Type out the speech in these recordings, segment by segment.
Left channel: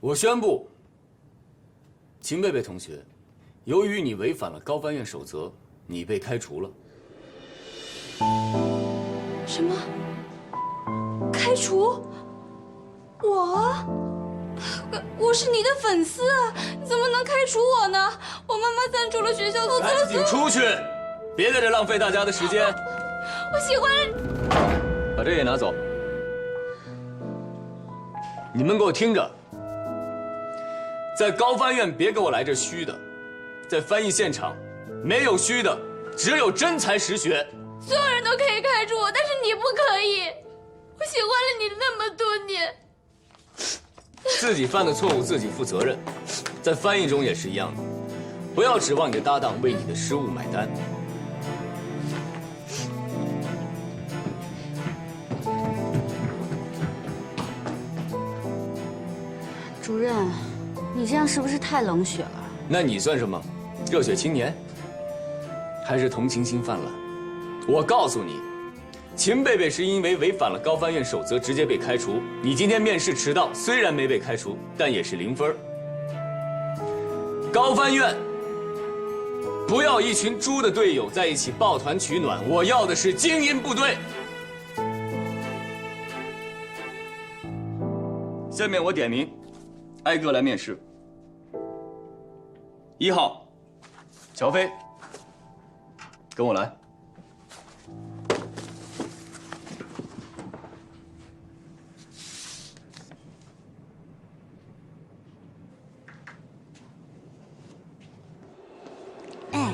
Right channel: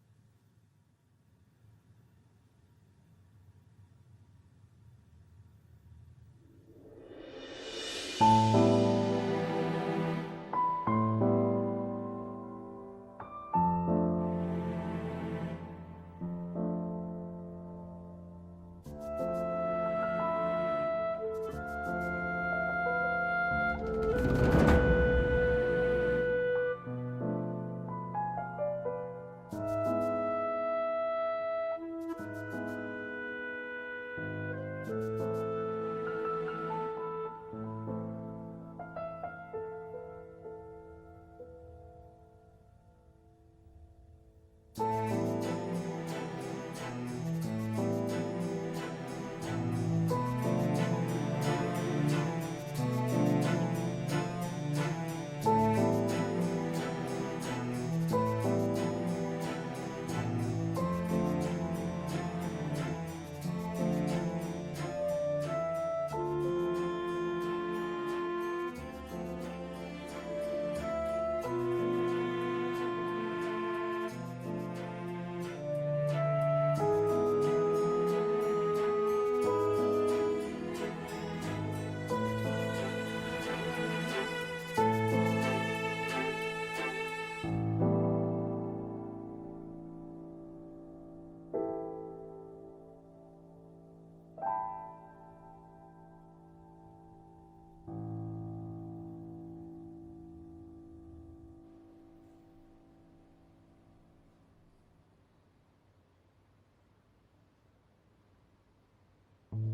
我宣布，秦贝贝同学，由于你违反了高翻院守则，你被开除了。什么？开除？我是你的粉丝啊，你怎么能开除我呢？我妈妈赞助了学校投资了。赶紧出去，别在这浪费大家的时间。我喜欢。把这也拿走。你们给我听着，在高翻院别给我来这虚的，在翻译现场没有虚的，只有真才实学。所有人都可以开除我，但是你不可以。我喜欢了你那么多年。自己犯的错误自己负责任，在翻译中也是一样的，不要指望你的搭档为你的失误买单。主任，你这样是不是太冷血了？那你算什么？热血青年？还是同情心泛滥？我告诉你，秦贝贝是因为违反了高翻院守则直接被开除。你今天面试迟到，虽然没被开除，但也是0分。高翻院不要一群猪的队友在一起抱团取暖，我要的是精英部队。下面我点名，挨个来面试。1号，乔飞，跟我来。哎，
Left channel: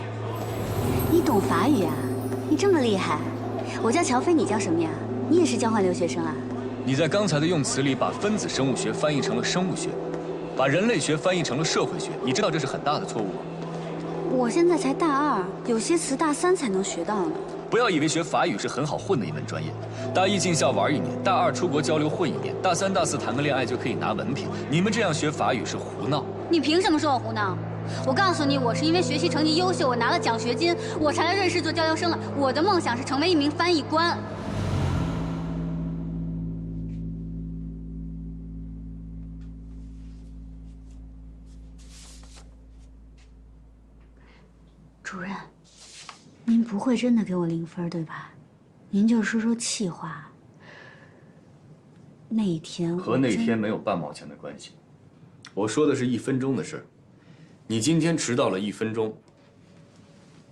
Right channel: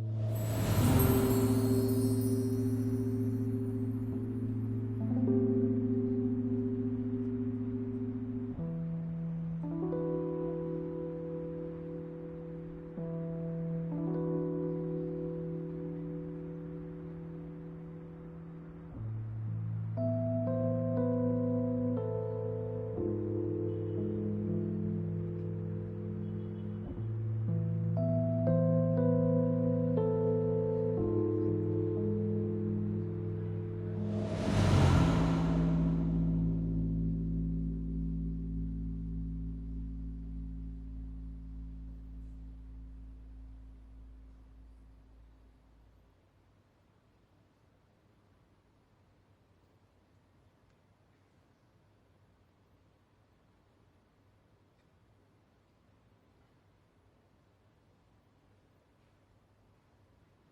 你懂法语啊？你这么厉害。我叫乔飞，你叫什么呀？你也是交换留学生啊？你在刚才的用词里把分子生物学翻译成了生物学，把人类学翻译成了社会学，你知道这是很大的错误吗？我现在才大2，有些词大3才能学到呢。不要以为学法语是很好混的一门专业，大1进校玩1年，大2出国交流混1年，大3、大4谈个恋爱就可以拿文凭。你们这样学法语是胡闹。你凭什么说我胡闹？我告诉你，我是因为学习成绩优秀，我拿了奖学金，我才来瑞士做交流生了。我的梦想是成为一名翻译官。主任，您不会真的给我0分对吧？您就说说气话。那一天和那天没有半毛钱的关系，我说的是1分钟的事儿。你今天迟到了1分钟。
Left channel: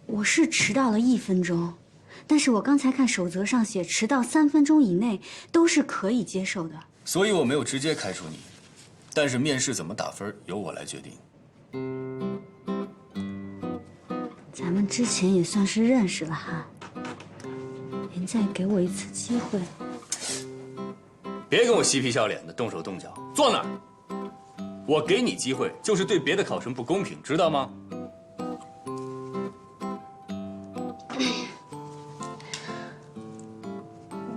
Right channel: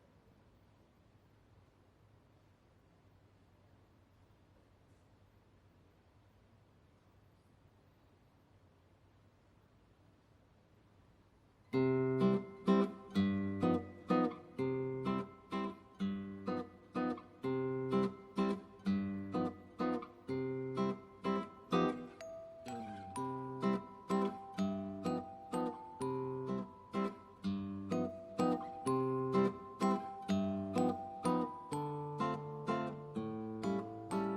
我是迟到了1分钟，但是我刚才看守则上写，迟到3分钟以内都是可以接受的。所以我没有直接开除你，但是面试怎么打分由我来决定。咱们之前也算是认识了哈，您再给我一次机会。别跟我嬉皮笑脸的，动手动脚，坐那儿。我给你机会，就是对别的考生不公平，知道吗？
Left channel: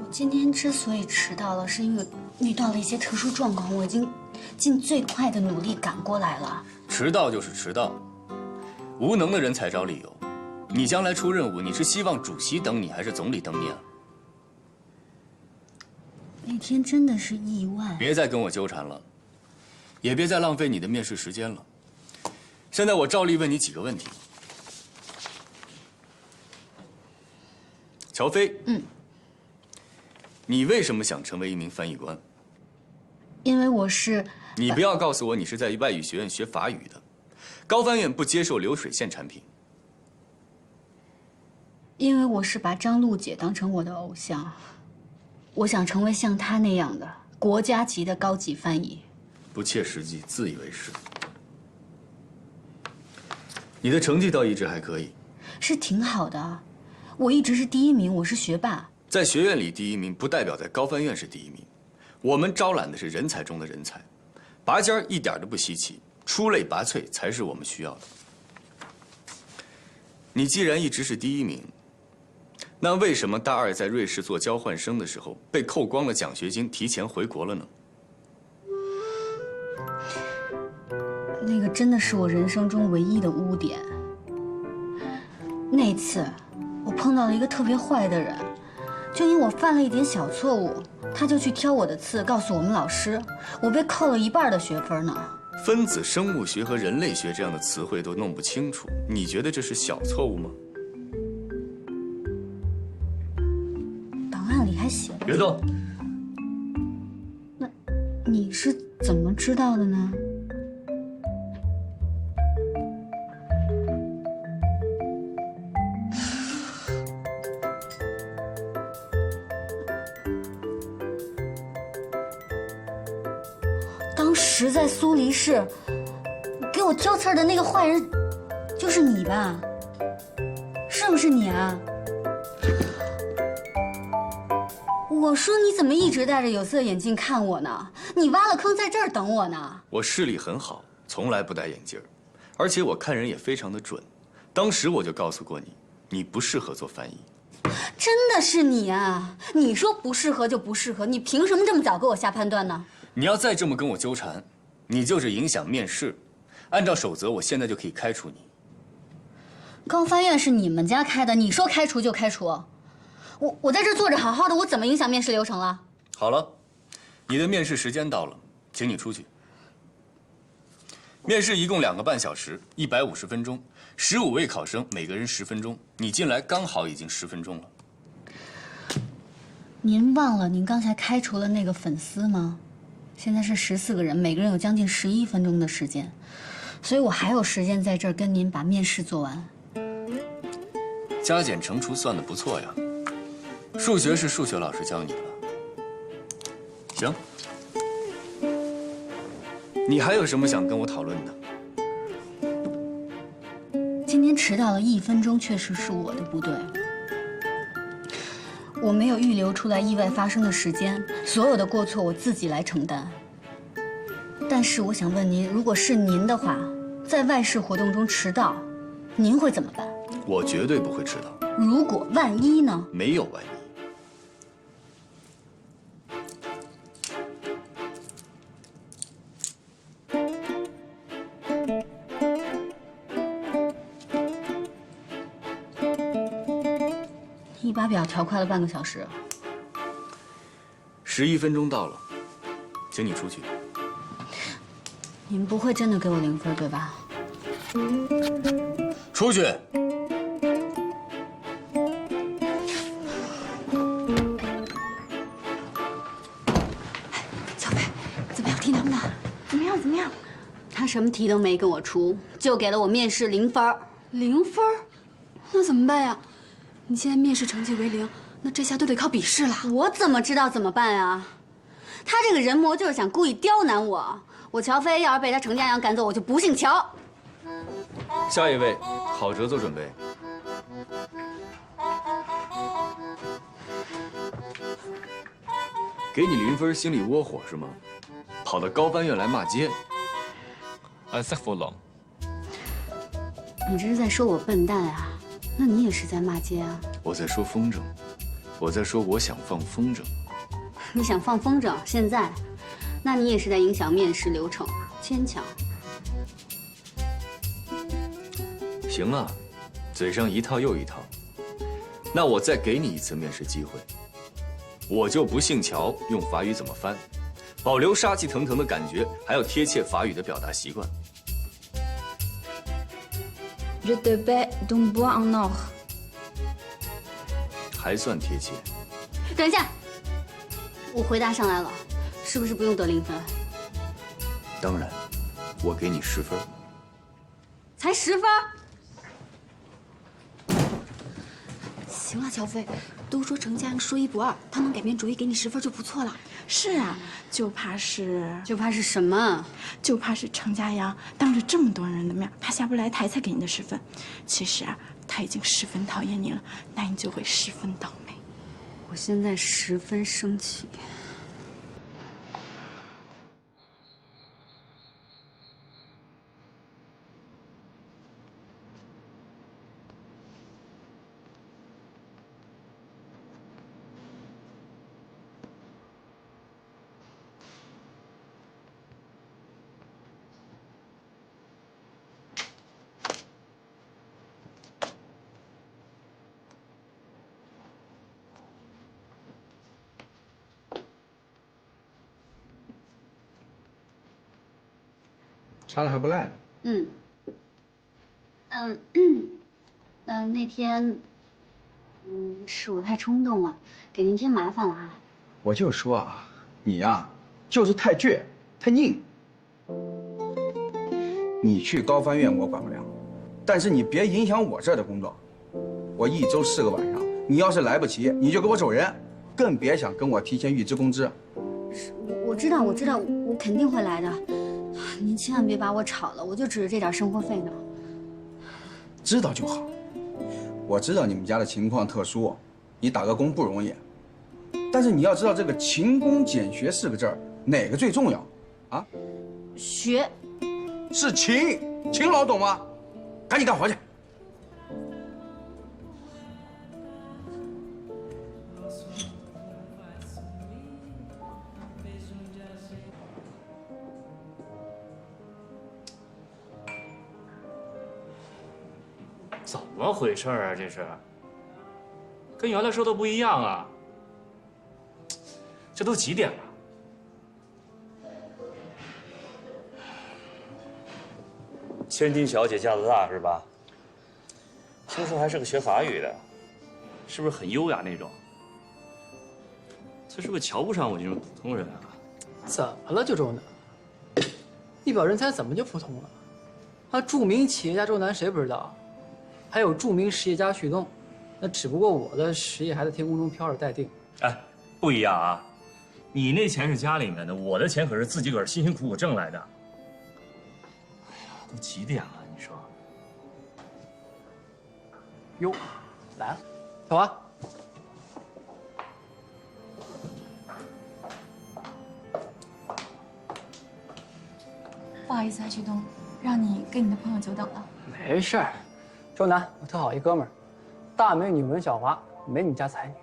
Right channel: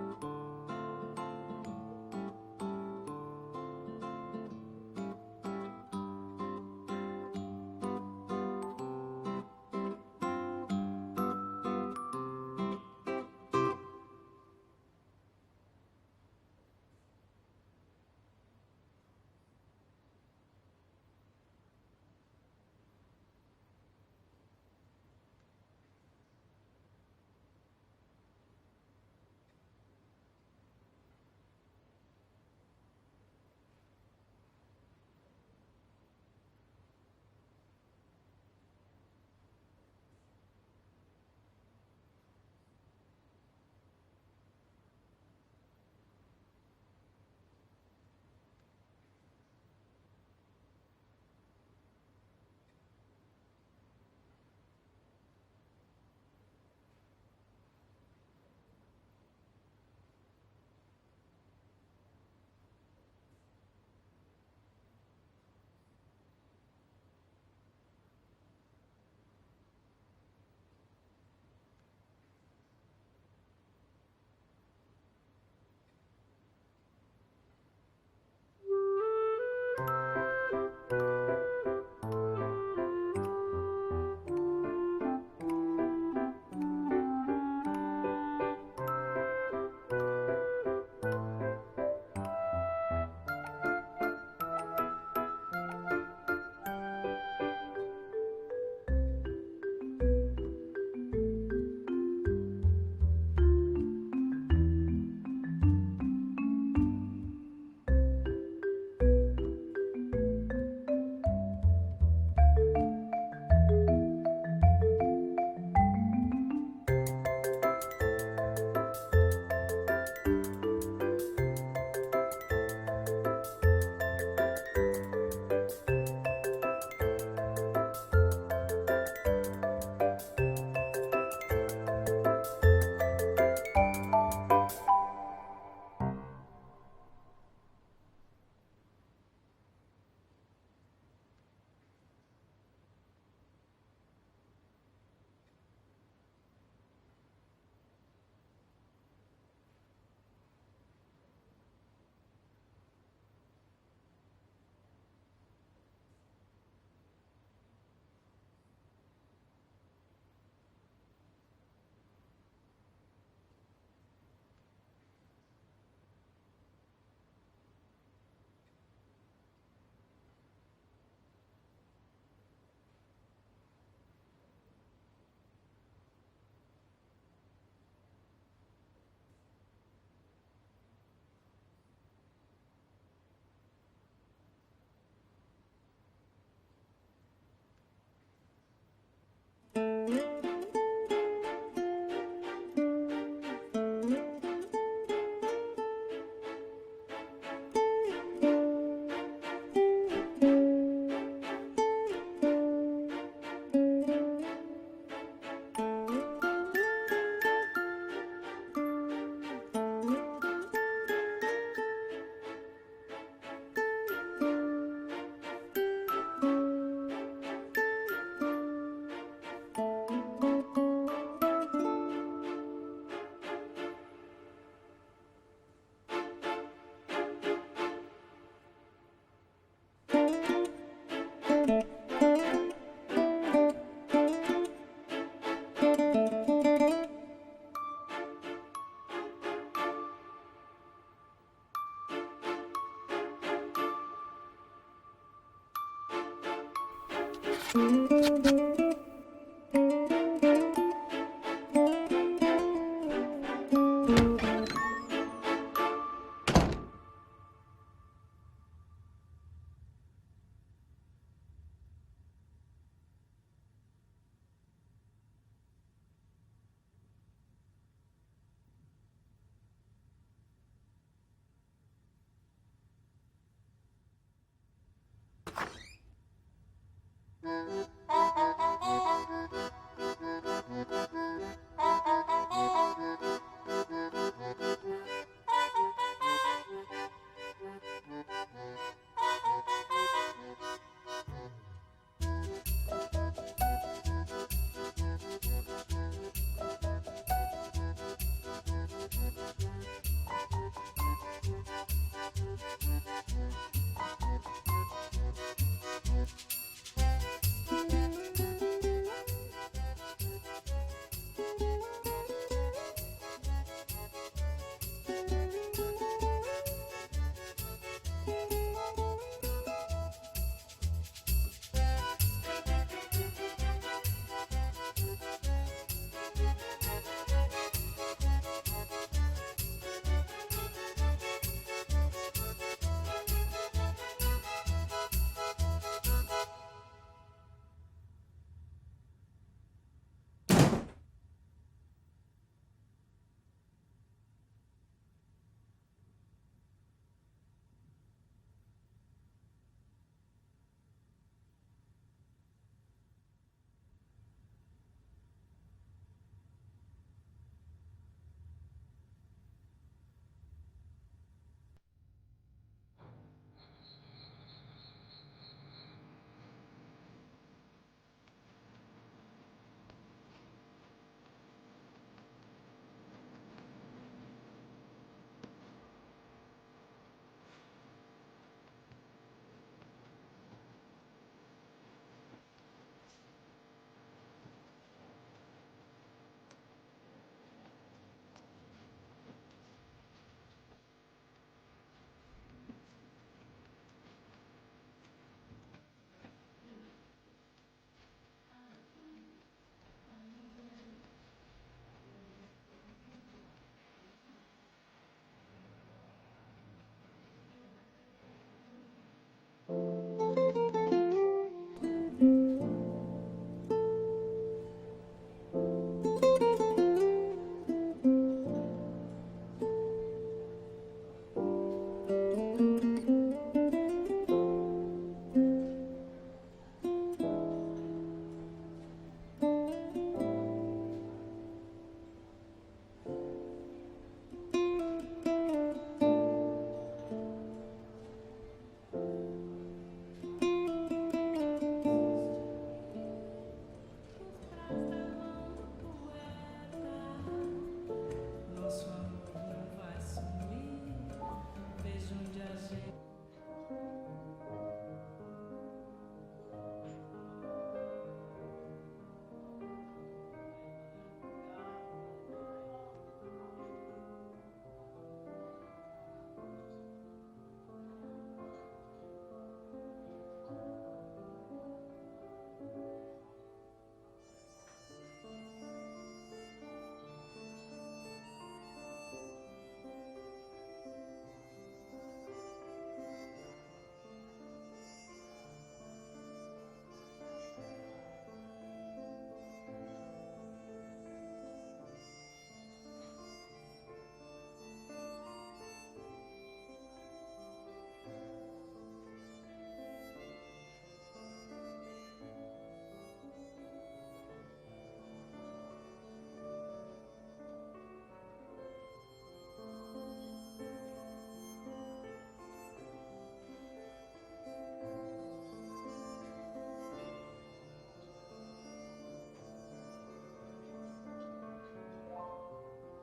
我今天之所以迟到了，是因为遇到了一些特殊状况，我已经尽最快的努力赶过来了。迟到就是迟到，无能的人才找理由。你将来出任务，你是希望主席等你，还是总理等你啊？那天真的是意外。别再跟我纠缠了，也别再浪费你的面试时间了。现在我照例问你几个问题。乔飞，你为什么想成为一名翻译官？因为我是……你不要告诉我你是在外语学院学法语的，高翻院不接受流水线产品。因为我是把张璐姐当成我的偶像，我想成为像她那样的国家级的高级翻译。不切实际，自以为是。你的成绩倒一直还可以，是挺好的，我一直是第1名，我是学霸。在学院里第1名，不代表在高翻院是第1名。我们招揽的是人才中的人才，拔尖儿一点都不稀奇，出类拔萃才是我们需要的。你既然一直是第1名，那为什么大2在瑞士做交换生的时候被扣光了奖学金，提前回国了呢？那个真的是我人生中唯一的污点。那次我碰到了一个特别坏的人，就因我犯了一点小错误，他就去挑我的刺，告诉我们老师，我被扣了1半的学分呢。分子生物学和人类学这样的词汇都弄不清楚，你觉得这是小错误吗？档案里还写了。别动！那你是怎么知道的呢？当时在苏黎世给我挑刺儿的那个坏人，就是你吧？是不是你啊？我说你怎么一直戴着有色眼镜看我呢？你挖了坑在这儿等我呢。我视力很好，从来不戴眼镜儿，而且我看人也非常的准。当时我就告诉过你，你不适合做翻译。真的是你啊！你说不适合就不适合，你凭什么这么早给我下判断呢？你要再这么跟我纠缠，你就是影响面试。按照守则，我现在就可以开除你。高翻院是你们家开的，你说开除就开除。我在这坐着好好的，我怎么影响面试流程了？好了，你的面试时间到了，请你出去。面试一共2个半小时，150分钟，15位考生，每个人10分钟。你进来刚好已经10分钟了。您忘了您刚才开除了那个粉丝吗？现在是14个人，每个人有将近11分钟的时间，所以我还有时间在这儿跟您把面试做完。加减乘除算得不错呀。数学是数学老师教你的。行，你还有什么想跟我讨论的？今天迟到了1分钟，确实是我的不对。我没有预留出来意外发生的时间，所有的过错我自己来承担。但是我想问您，如果是您的话，在外事活动中迟到，您会怎么办？我绝对不会迟到。如果万一呢？没有万一。你把表调快了半个小时。11分钟到了，请你出去。您不会真的给我0分对吧？出去。小飞，怎么样？题难不难？怎么样？怎么样？他什么题都没跟我出，就给了我面试0分。0分？那怎么办呀？你现在面试成绩为0，那这下都得靠笔试了。我怎么知道怎么办啊？他这个人魔就是想故意刁难我。我乔飞要是被他程家阳赶走，我就不姓乔。下一位，郝哲做准备。给你0分，心里窝火是吗？跑到高翻院来骂街。你这是在说我笨蛋啊？那你也是在骂街啊？我在说风筝，我在说我想放风筝。你想放风筝？现在？那你也是在影响面试流程，牵强。行啊，嘴上一套又一套。那我再给你一次面试机会，我就不姓乔，用法语怎么翻？保留杀气腾腾的感觉，还要贴切法语的表达习惯。Je te paie d'un bois en or。还算贴切。等一下，我回答上来了，是不是不用得0分？当然，我给你10分。才10分？行了，乔飞，都说程家阳说1不2，他能改变主意给你10分就不错了。是啊，就怕是什么？就怕是程家阳当着这么多人的面，他下不来台才给你的10分。其实啊，他已经十分讨厌你了，那你就会十分倒霉。我现在十分生气。擦的还不赖。那天，是我太冲动了，给您添麻烦了啊。我就说啊，你呀，就是太倔，太拧。你去高翻院我管不了，但是你别影响我这儿的工作。我1周4个晚上，你要是来不及，你就给我走人，更别想跟我提前预支工资。我知道，我肯定会来的。您千万别把我炒了，我就指着这点生活费呢。知道就好。我知道你们家的情况特殊，你打个工不容易，但是你要知道这个勤工俭学4个字儿，哪个最重要？啊？学。是勤劳，懂吗？赶紧干活去。怎么回事啊？这是，跟原来说的不一样啊！这都几点了？千金小姐架子大是吧？听说还是个学法语的，是不是很优雅那种？他是不是瞧不上我这种普通人啊？怎么了，就周南？一表人才怎么就普通了？他著名企业家周南谁不知道？还有著名实业家旭东，那只不过我的实业还在天空中飘着待定。哎，不一样啊！你那钱是家里面的，我的钱可是自己个儿辛辛苦苦挣来的。哎呀，都几点了？你说？哟，来了，小华。不好意思啊，旭东，让你跟你的朋友久等了。没事儿，周南，我特好一哥们儿，大美女文小华，没你家才女，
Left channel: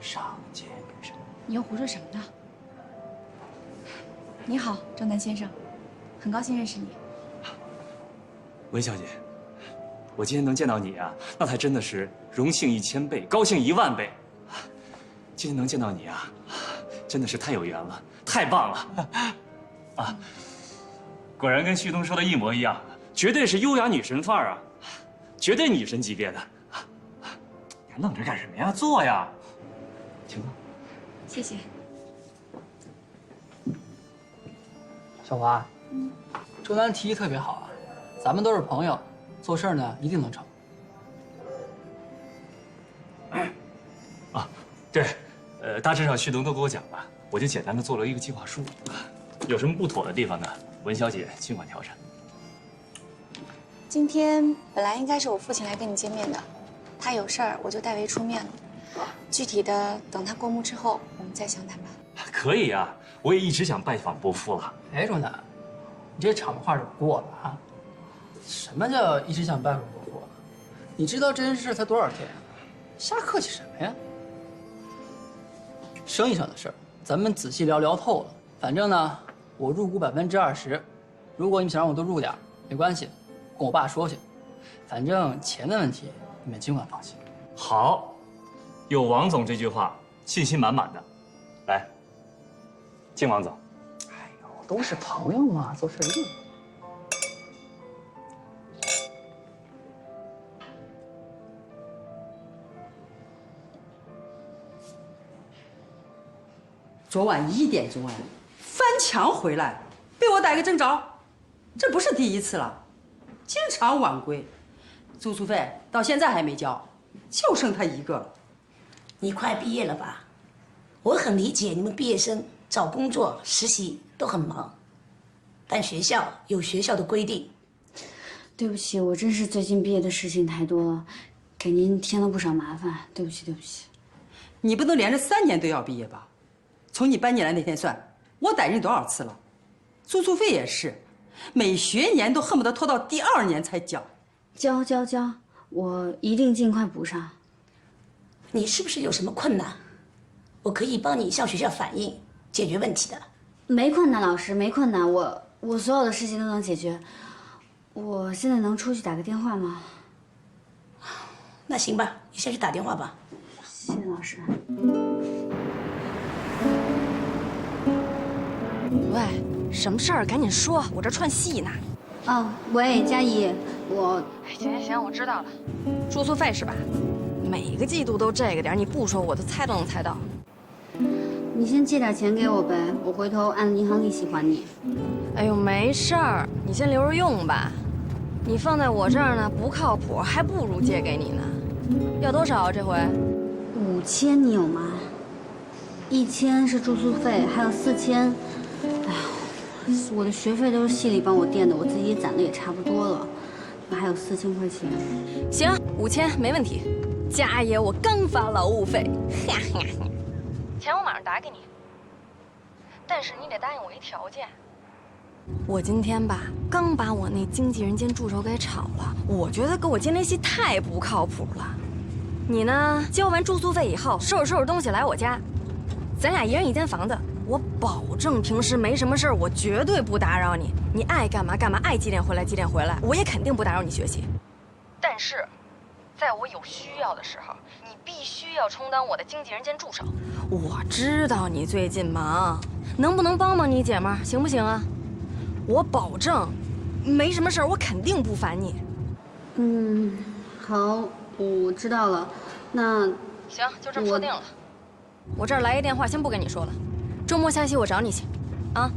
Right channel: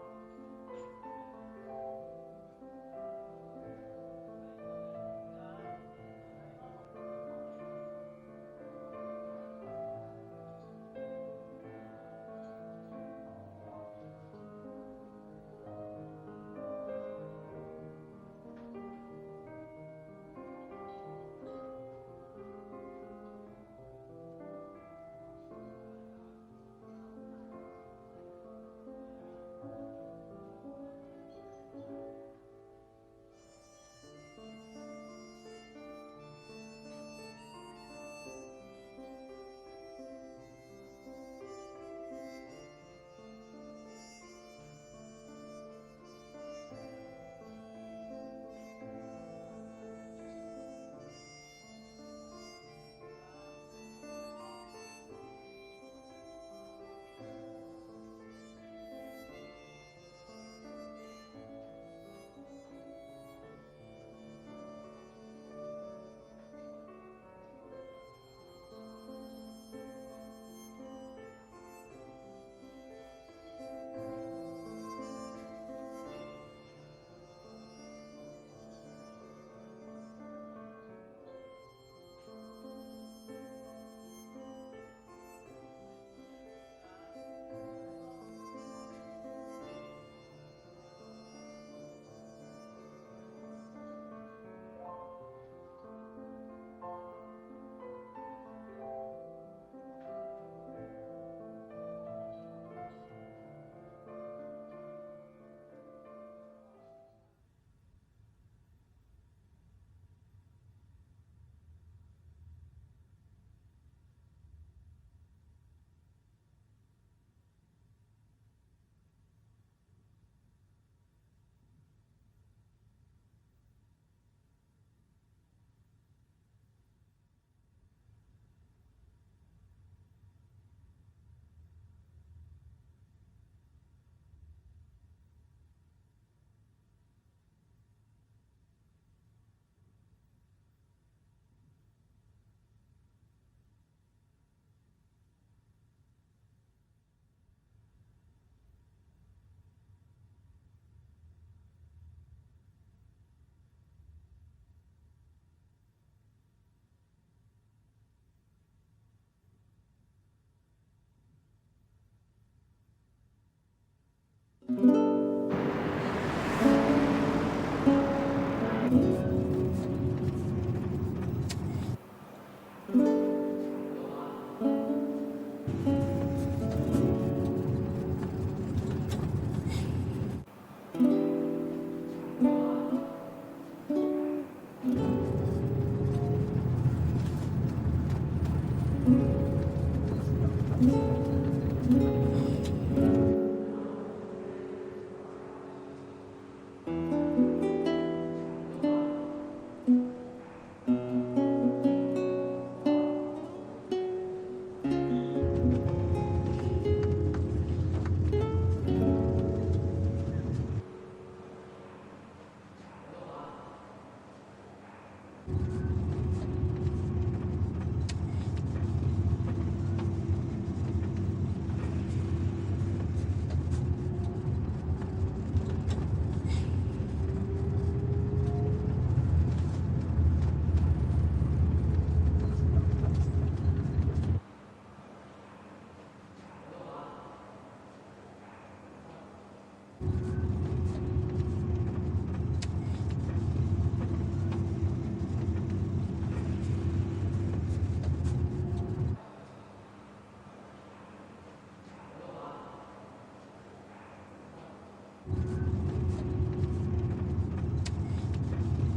上街女神。你又胡说什么呢？你好，周南先生，很高兴认识你。文小姐，我今天能见到你啊，那才真的是荣幸1000倍，高兴10000倍。今天能见到你啊，真的是太有缘了，太棒了！啊，果然跟旭东说的一模一样，绝对是优雅女神范儿啊，绝对女神级别的。你还愣着干什么呀？坐呀，请坐。谢谢。小华，周南提议特别好啊，咱们都是朋友，做事呢一定能成。啊，对，大致上旭东都给我讲了，我就简单的做了一个计划书，有什么不妥的地方呢？文小姐尽管调整。今天本来应该是我父亲来跟你见面的，他有事儿，我就代为出面了。具体的等他过目之后，我们再详谈吧。可以啊，我也一直想拜访伯父了。哎，周南，你这场面话就过了啊！什么叫一直想拜访伯父？你知道这件事才多少天啊？瞎客气什么呀？生意上的事儿，咱们仔细聊聊透了。反正呢，我入股20%，如果你们想让我多入点，没关系，跟我爸说去。反正钱的问题，你们尽管放心。好，有王总这句话，信心满满的。来，敬王总。哎呦，都是朋友嘛，做事一定。昨晚1点钟哎，翻墙回来，被我逮个正着，这不是第一次了，经常晚归，住宿费到现在还没交，就剩他一个了。你快毕业了吧？我很理解你们毕业生找工作、实习都很忙，但学校有学校的规定。对不起，我真是最近毕业的事情太多了，给您添了不少麻烦，对不起，对不起。你不能连着3年都要毕业吧？从你搬进来那天算，我逮着你多少次了？住宿费也是，每学年都恨不得拖到第2年才交。交，我一定尽快补上。你是不是有什么困难？我可以帮你向学校反映，解决问题的。没困难，老师，没困难，我所有的事情都能解决。我现在能出去打个电话吗？那行吧，你先去打电话吧。谢谢老师。喂，什么事儿？赶紧说，我这串戏呢。哦，喂，佳怡，我行，我知道了。住宿费是吧？每个季度都这个点儿，你不说我都猜都能猜到。你先借点钱给我呗，我回头按银行利息还你。哎呦，没事儿，你先留着用吧。你放在我这儿呢不靠谱，还不如借给你呢。要多少啊这回？5000你有吗？1000是住宿费，还有4000。哎呀，我的学费都是系里帮我垫的，我自己攒的也差不多了，还有4000块钱。行，5000没问题。佳爷，我刚发劳务费，钱我马上打给你。但是你得答应我一条件。我今天吧，刚把我那经纪人兼助手给炒了，我觉得给我接那戏太不靠谱了。你呢，交完住宿费以后，收拾东西来我家，咱俩一人一间房子，我保证平时没什么事儿，我绝对不打扰你。你爱干嘛干嘛，爱几点回来几点回来，我也肯定不打扰你学习。但是，在我有需要的时候，你必须要充当我的经纪人兼助手。我知道你最近忙，能不能帮帮你姐们儿，行不行啊？我保证，没什么事儿，我肯定不烦你。好，我知道了。那行，就这么说定了。我这儿来一电话，先不跟你说了，周末下期我找你去，啊。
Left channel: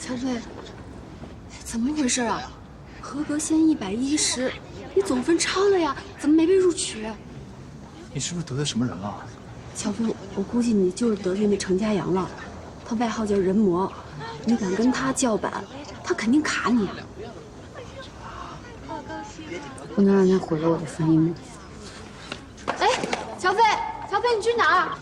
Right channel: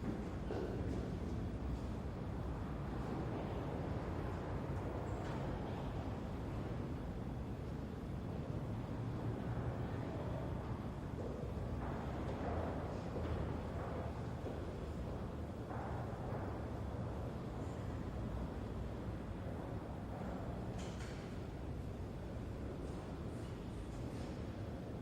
乔飞，怎么回事啊？合格线110，你总分超了呀，怎么没被录取？你是不是得罪什么人了？乔飞，我估计你就是得罪那程家阳了，他外号叫人魔，你敢跟他叫板，他肯定卡你。不能让他毁了我的翻译梦。哎，乔飞，乔飞，你去哪儿？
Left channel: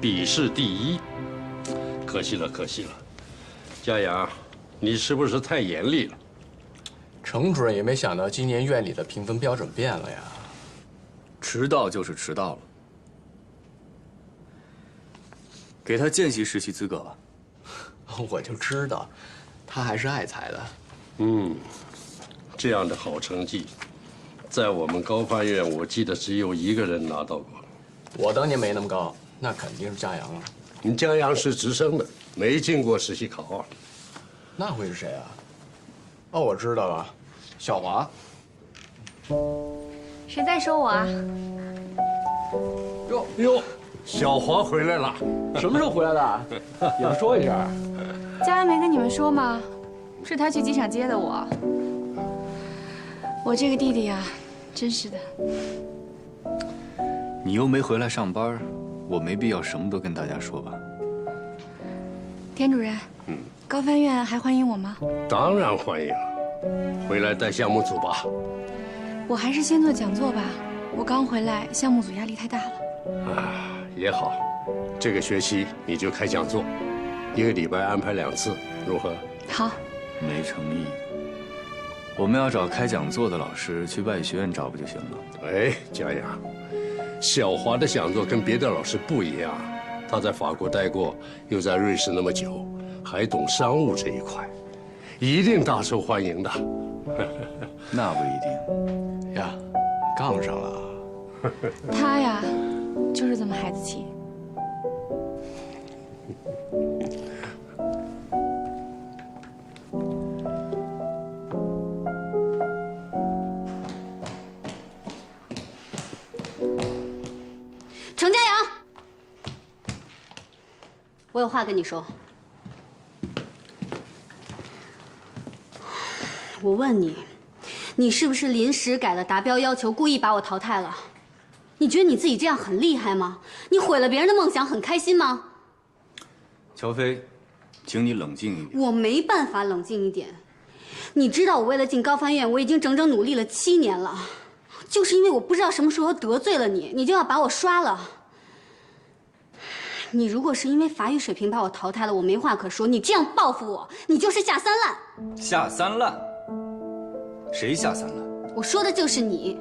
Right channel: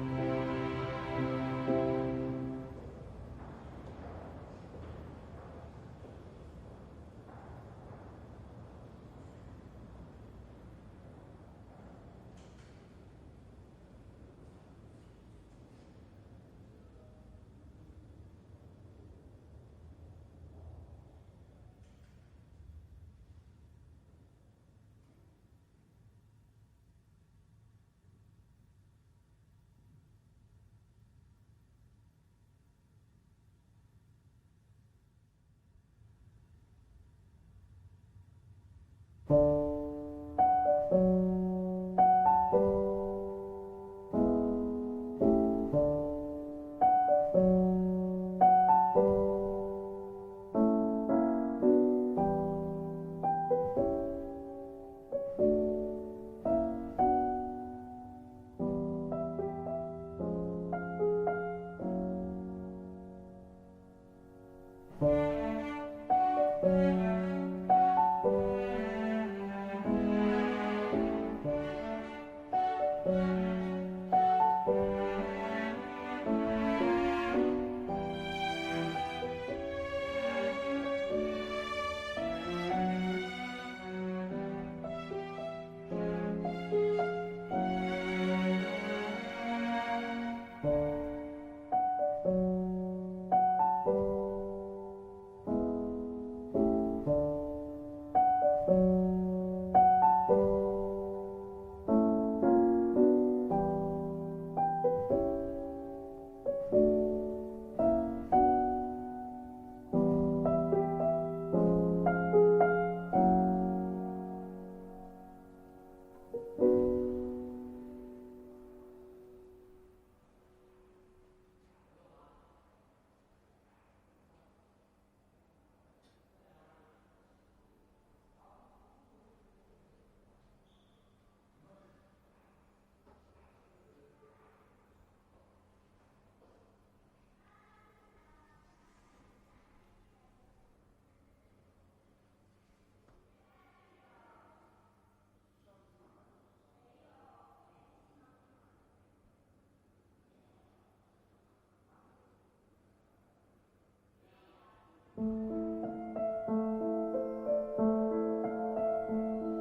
笔试第1，可惜了，可惜了。佳阳，你是不是太严厉了？程主任也没想到今年院里的评分标准变了呀。迟到就是迟到了，给他见习实习资格吧。我就知道，他还是爱才的。这样的好成绩，在我们高翻院，我记得只有1个人拿到过。我当年没那么高。那肯定是佳阳啊！你佳阳是直升的，没进过实习考。那会是谁啊？哦，我知道了，小华。谁在说我啊？哟，小华回来了。什么时候回来的？也不说一声。佳阳没跟你们说吗？是他去机场接的我。我这个弟弟啊，真是的。你又没回来上班。我没必要什么都跟大家说吧。田主任，高翻院还欢迎我吗？当然欢迎，回来带项目组吧。我还是先做讲座吧，我刚回来，项目组压力太大了。也好，这个学期你就开讲座，1个礼拜安排2次，如何？好。没诚意。我们要找开讲座的老师，去外语学院找不就行了？哎，佳阳。小华的讲座跟别的老师不一样，他在法国待过，又在瑞士那么久，还懂商务这一块，一定大受欢迎的。那不一定呀，杠上了。他呀，就是这么孩子气。程家阳，我有话跟你说。我问你，你是不是临时改了达标要求，故意把我淘汰了？你觉得你自己这样很厉害吗？你毁了别人的梦想，很开心吗？乔飞，请你冷静一点。我没办法冷静一点。你知道我为了进高翻院，我已经整整努力了7年了，就是因为我不知道什么时候得罪了你，你就要把我刷了。你如果是因为法语水平把我淘汰了，我没话可说。你这样报复我，你就是下三滥。下三滥？谁下三滥？我说的就是你。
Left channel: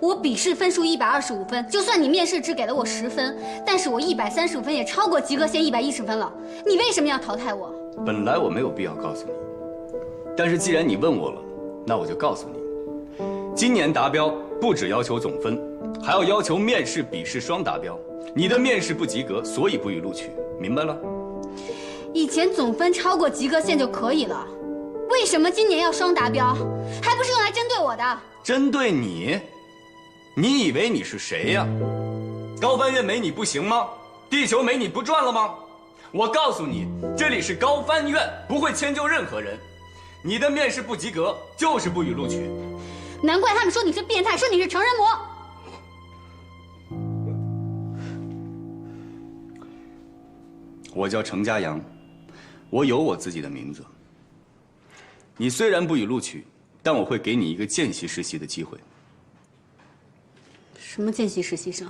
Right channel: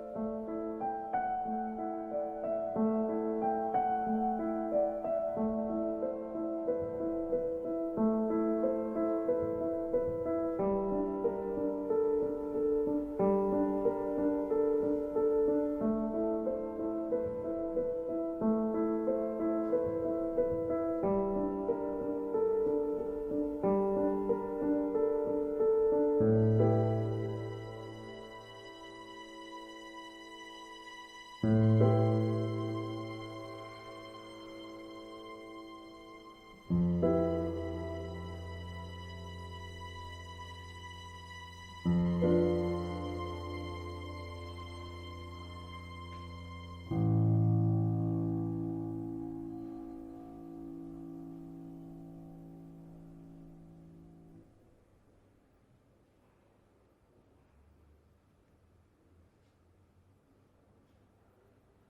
我笔试分数125分，就算你面试只给了我10分，但是我135分也超过及格线110分了。你为什么要淘汰我？本来我没有必要告诉你，但是既然你问我了，那我就告诉你，今年达标不只要求总分，还要求面试、笔试双达标。你的面试不及格，所以不予录取，明白了？以前总分超过及格线就可以了，为什么今年要双达标？还不是用来针对我的？针对你？你以为你是谁呀？高翻院没你不行吗？地球没你不转了吗？我告诉你，这里是高翻院，不会迁就任何人。你的面试不及格，就是不予录取。难怪他们说你是变态，说你是成人魔。我叫程家阳，我有我自己的名字。你虽然不予录取，但我会给你一个见习实习的机会。什么见习实习生？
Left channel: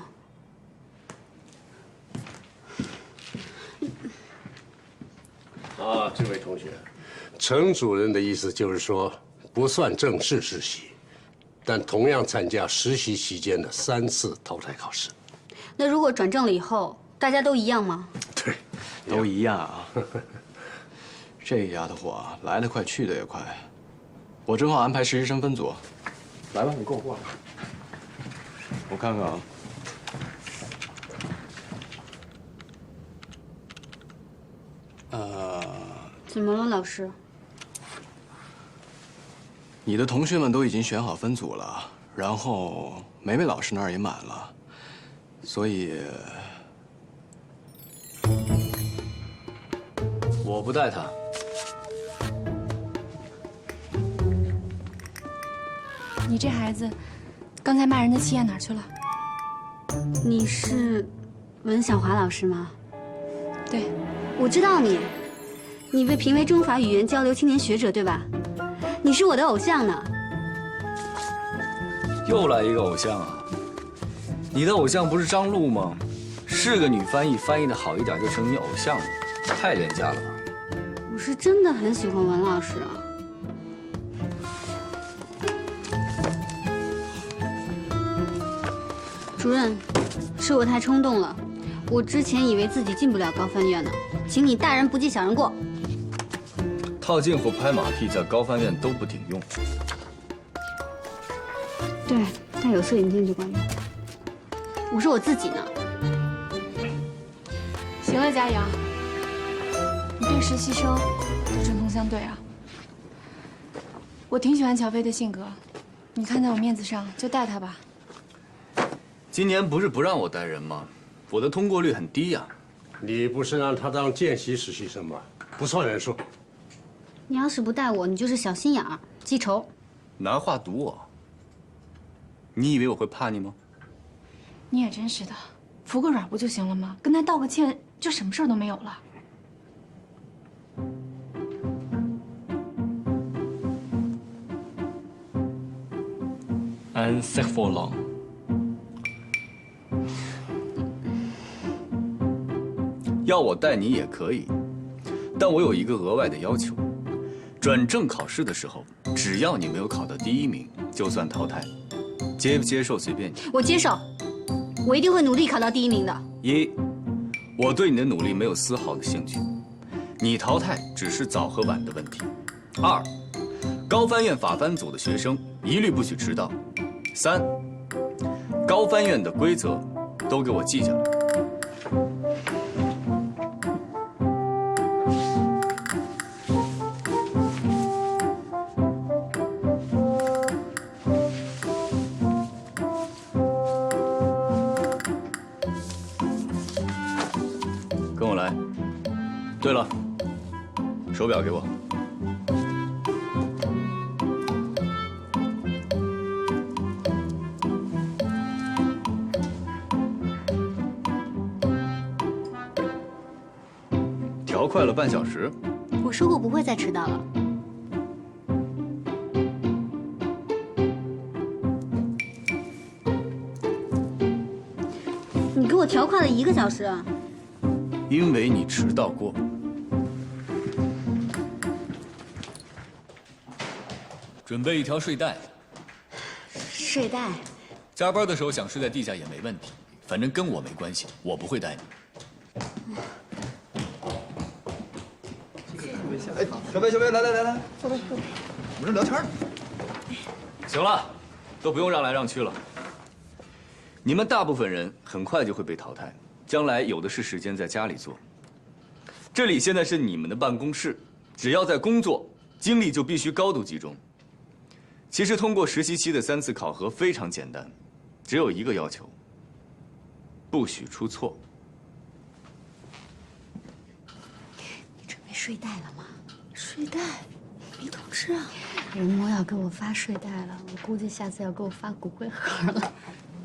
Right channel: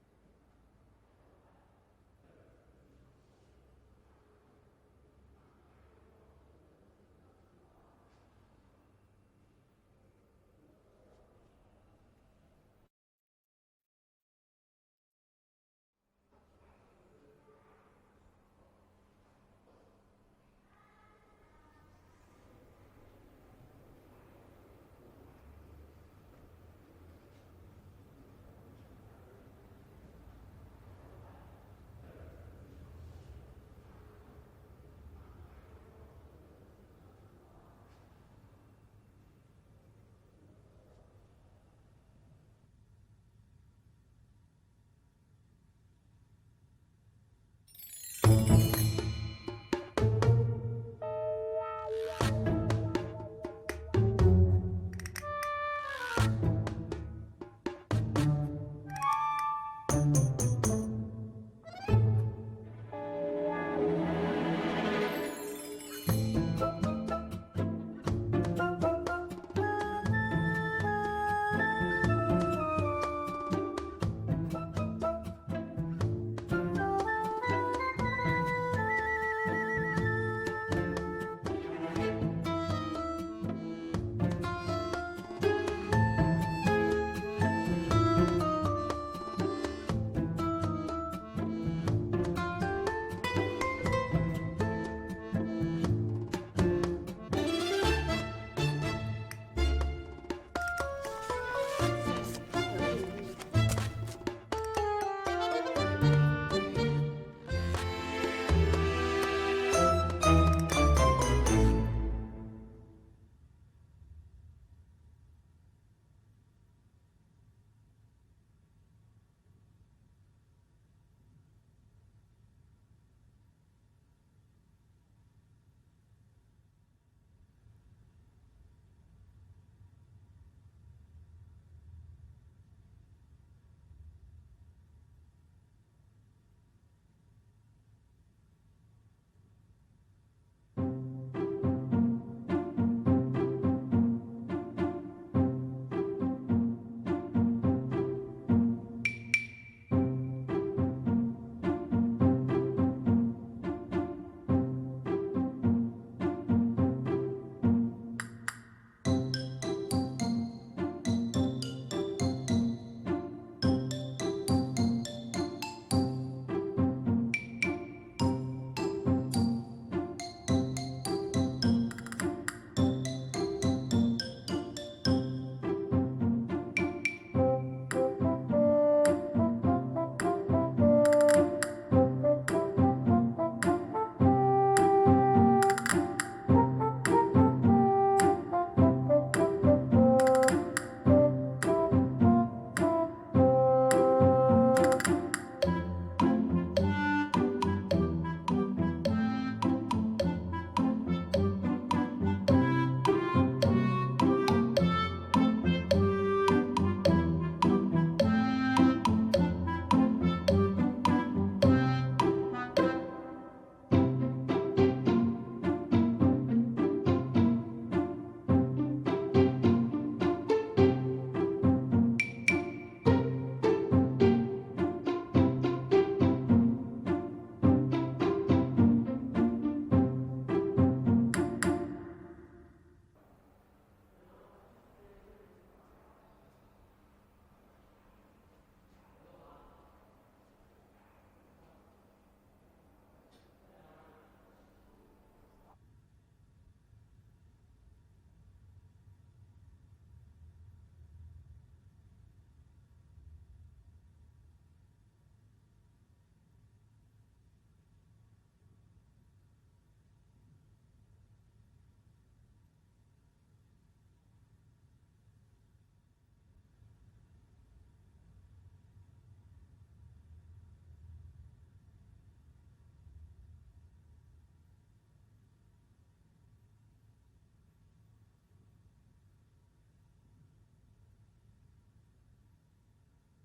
啊，这位同学，程主任的意思就是说，不算正式实习，但同样参加实习期间的3次淘汰考试。那如果转正了以后，大家都一样吗？对，都一样啊。这丫头伙来得快，去得也快。我正好安排实习生分组。来吧，你跟我过来。我看看啊。怎么了，老师？你的同学们都已经选好分组了，然后梅梅老师那儿也满了，所以我不带他。你这孩子，刚才骂人的气焰哪儿去了？你是文小华老师吗？对，我知道你，你被评为中法语言交流青年学者，对吧？你是我的偶像呢。又来一个偶像啊！你的偶像不是张璐吗？是个女翻译，翻译的好一点就成你偶像了，太廉价了吧？我是真的很喜欢文老师啊。主任，是我太冲动了。我之前以为自己进不了高翻院呢，请你大人不计小人过。套近乎拍马屁在高翻院都不顶用。对，但有摄影机就管用。我说我自己呢。行了，佳阳，你跟实习生针锋相对啊。我挺喜欢乔飞的性格，你看在我面子上就带他吧。今年不是不让我带人吗？我的通过率很低呀。你不是让他当见习实习生吗？不算人数。你要是不带我，你就是小心眼儿、记仇。拿话堵我？你以为我会怕你吗？你也真是的，服个软不就行了吗？跟他道个歉，就什么事儿都没有了。安塞佛朗。要我带你也可以，但我有一个额外的要求：转正考试的时候，只要你没有考到第1名，就算淘汰。接不接受随便你。我接受，我一定会努力考到第1名的。1，我对你的努力没有丝毫的兴趣。你淘汰只是早和晚的问题。2，高翻院法番组的学生一律不许迟到。3，高翻院的规则都给我记下来。跟我来。对了，手表给我。调快了半小时。我说过不会再迟到了。你给我调快了1个小时。因为你迟到过。准备一条睡袋。睡袋。加班的时候想睡在地下也没问题，反正跟我没关系，我不会带你。哎，小飞，来，坐，我们这聊天呢。行了，都不用让来让去了。你们大部分人很快就会被淘汰，将来有的是时间在家里做。这里现在是你们的办公室，只要在工作，精力就必须高度集中。其实通过实习期的3次考核非常简单，只有一个要求：不许出错。你准备睡袋了吗？睡袋，没通知啊。人模要给我发睡袋了，我估计下次要给我发骨灰盒了。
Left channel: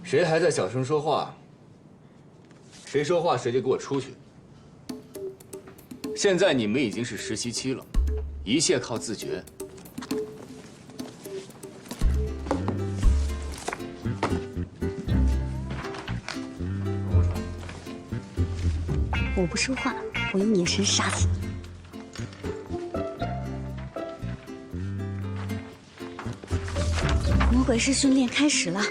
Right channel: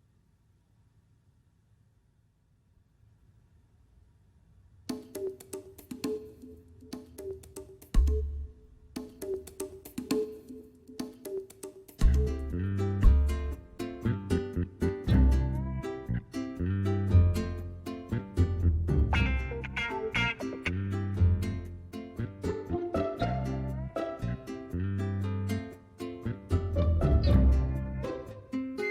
谁还在小声说话？谁说话谁就给我出去。现在你们已经是实习期了，一切靠自觉。我不说话，我用眼神杀死你。魔鬼式训练开始了。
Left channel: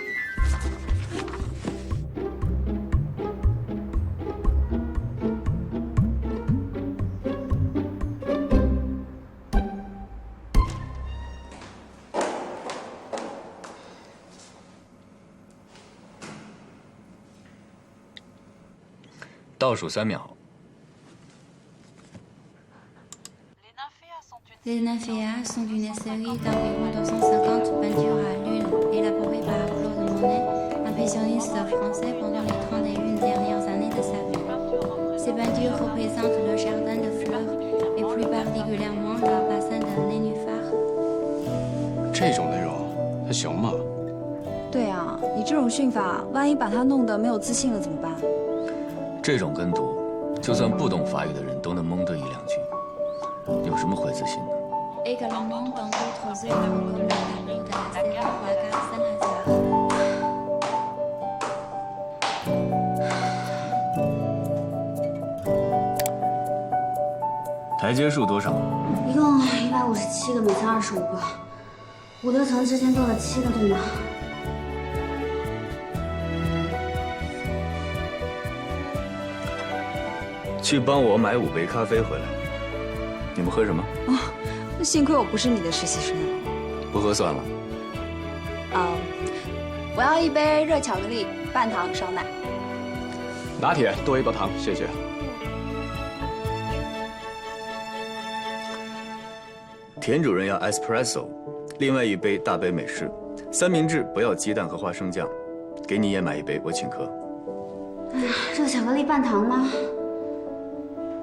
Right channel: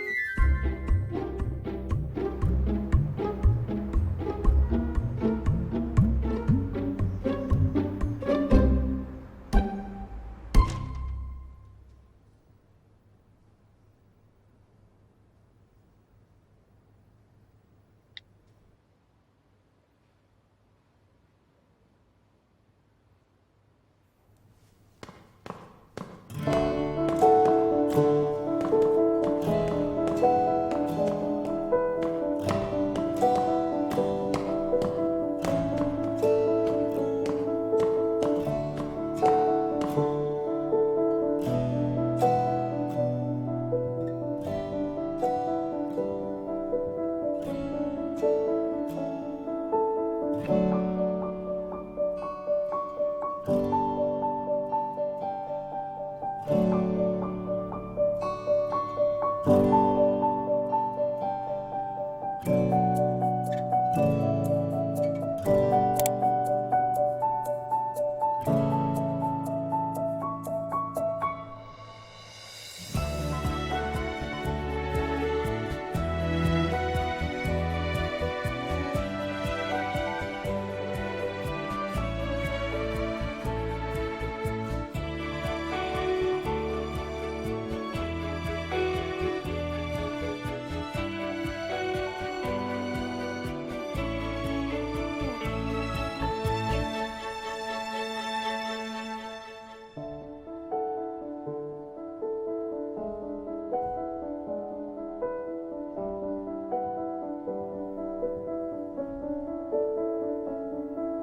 倒数3秒。Les nymphéas sont une série d'environ 250 peintures à l'une, élaborées par Claude Monet, impressionniste français pendant les 31 dernières années de sa vie. Ces peintures représentent le jardin de fleurs, et plus particulièrement le bassin de nénuphars. 这种内容还行吗？对啊，你这种训法，万一把他弄得没有自信了怎么办？这种跟读，就算不懂法语的人都能蒙对1-2句，有什么会自信的？ Également dans d'autres œuvres comme la technique de la Stella ou la Saint-Lazare. 台阶数多少？一共157个，每层25个，5多层之间做了7个对吗？去帮我买5杯咖啡回来。你们喝什么？那幸亏我不是你的实习生。不喝算了。我要1杯热巧克力，半糖少奶。拿铁多1包糖，谢谢。田主任要 espresso， 另外1杯大杯美式，三明治不要鸡蛋和花生酱，给你也买1杯，我请客。热巧克力半糖吗？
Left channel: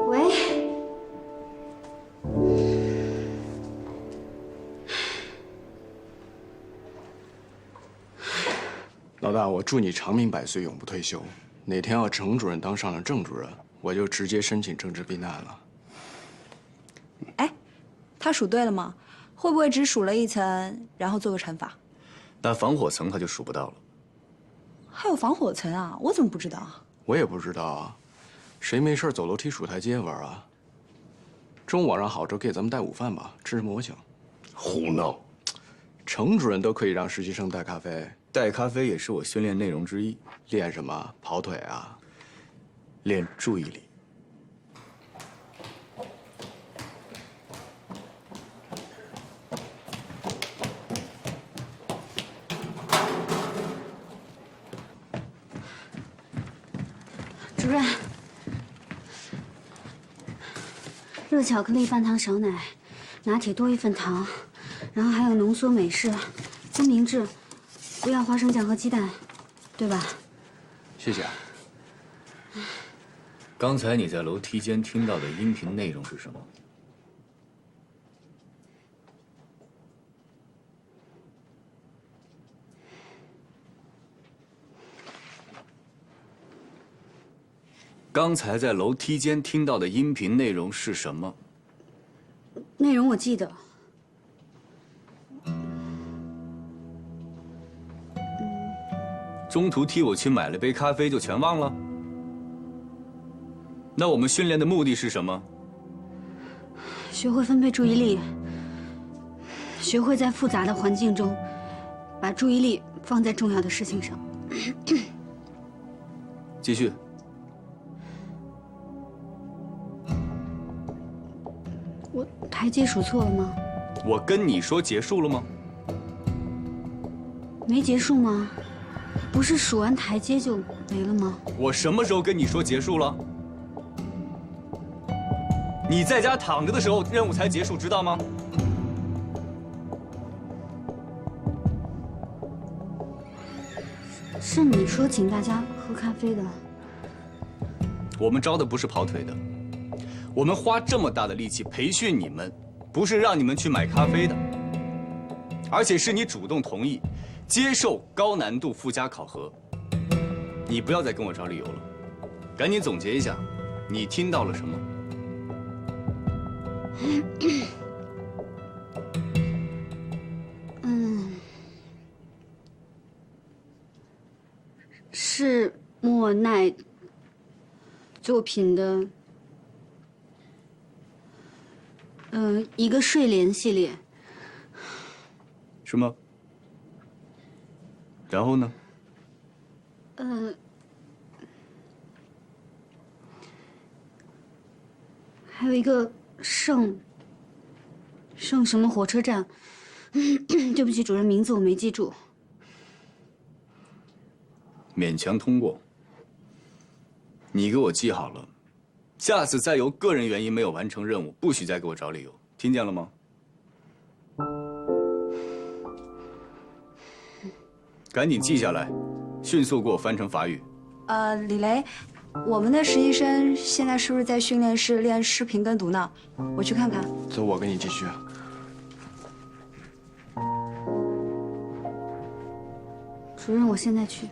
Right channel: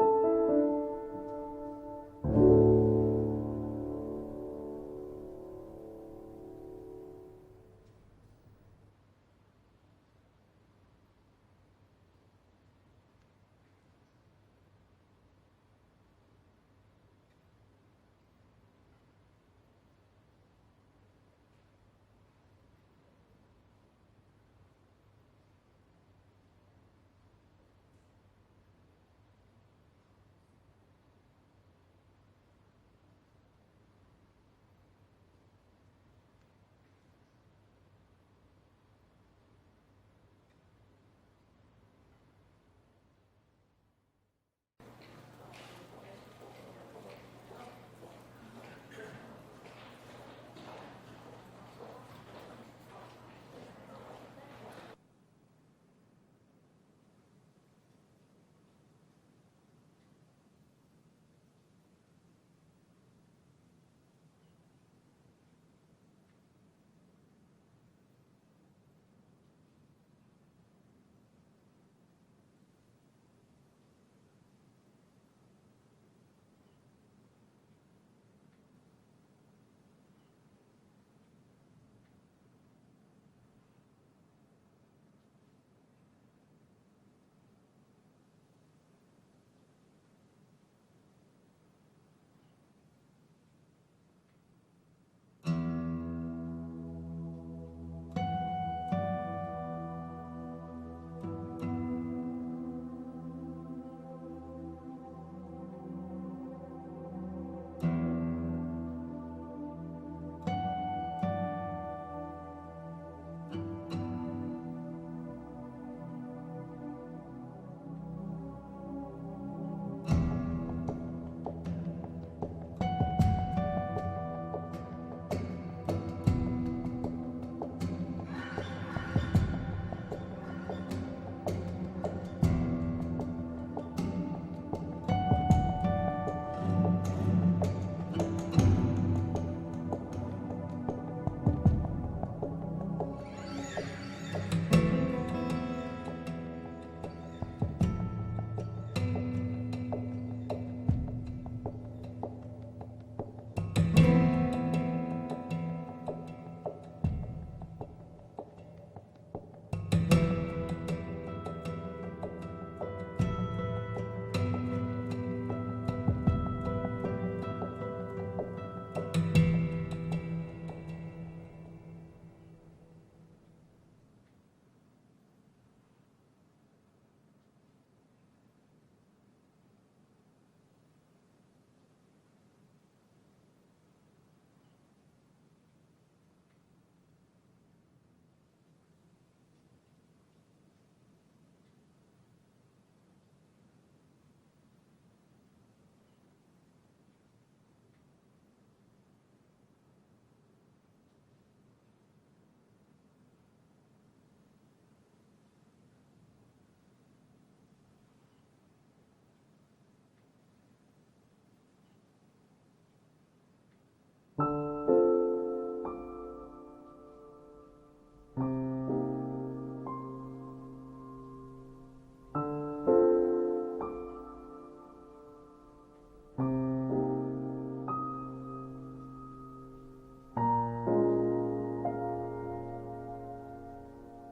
喂。 老大，我祝你长命百岁，永不退休。哪天要程主任当上了郑主任，我就直接申请政治避难了。哎，他数对了吗？会不会只数了1层，然后做个乘法？那防火层他就数不到了。还有防火层啊？我怎么不知道啊？我也不知道啊，谁没事走楼梯数台阶玩啊？中午晚上好，周给咱们带午饭吧，吃什么我请。胡闹！程主任都可以让实习生带咖啡。 带咖啡也是我训练内容之一。练什么？跑腿啊？练注意力。然，热巧克力半糖少奶，拿铁多1份糖，然后还有浓缩美式，三明治，不要花生酱和鸡蛋，对吧？谢谢。刚才你在楼梯间听到的音频内容是什么？刚才在楼梯间听到的音频内容是什么？内容我记得。中途替我去买了杯咖啡就全忘了？那我们训练的目的是什么？学会分配注意力，学会在复杂的环境中，把注意力放在重要的事情上。继续。我台阶数错了吗？我跟你说结束了吗？没结束吗？不是数完台阶就没了吗？我什么时候跟你说结束了？你在家躺着的时候，任务才结束，知道吗？是你说请大家喝咖啡的。我们招的不是跑腿的，我们花这么大的力气培训你们，不是让你们去买咖啡的，而且是你主动同意接受高难度附加考核。你不要再跟我找理由了，赶紧总结一下，你听到了什么？是莫奈作品的，一个睡莲系列。什么？然后呢？还有一个圣什么火车站，对不起，主任，名字我没记住。勉强通过。你给我记好了，下次再由个人原因没有完成任务，不许再给我找理由，听见了吗？赶紧记下来，迅速给我翻成法语。李雷，我们的实习生现在是不是在训练室练视频跟读呢？我去看看。走，我跟你继续。主任，我现在去。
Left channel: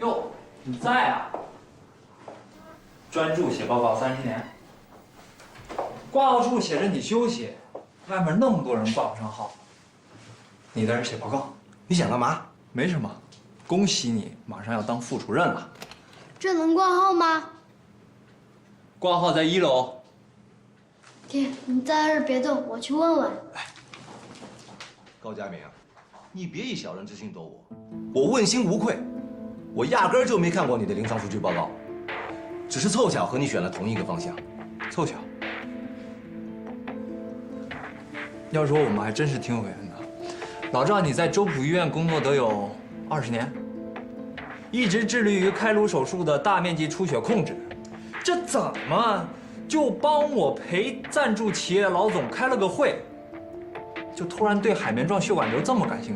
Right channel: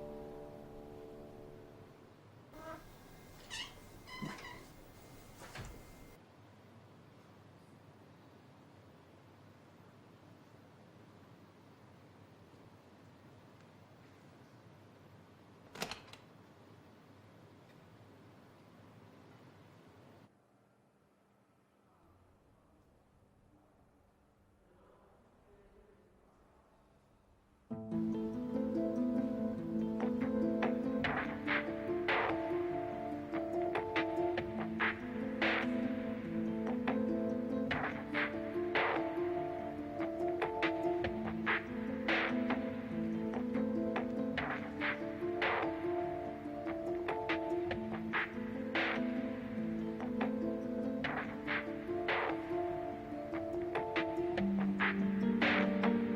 哟，你在啊？专注写报告30年。挂号处写着你休息，外面那么多人挂不上号，你在这写报告，你想干嘛？没什么，恭喜你马上要当副主任了。这能挂号吗？挂号在1楼。爹，你在这儿别动，我去问问。高佳明，你别以小人之心躲我，我问心无愧，我压根儿就没看过你的临床数据报告，只是凑巧和你选了同一个方向。凑巧。要说我们还真是挺有缘的。老赵，你在周浦医院工作得有20年，一直致力于开颅手术的大面积出血控制，这怎么就帮我陪赞助企业老总开了个会，就突然对海绵状血管瘤这么感兴趣？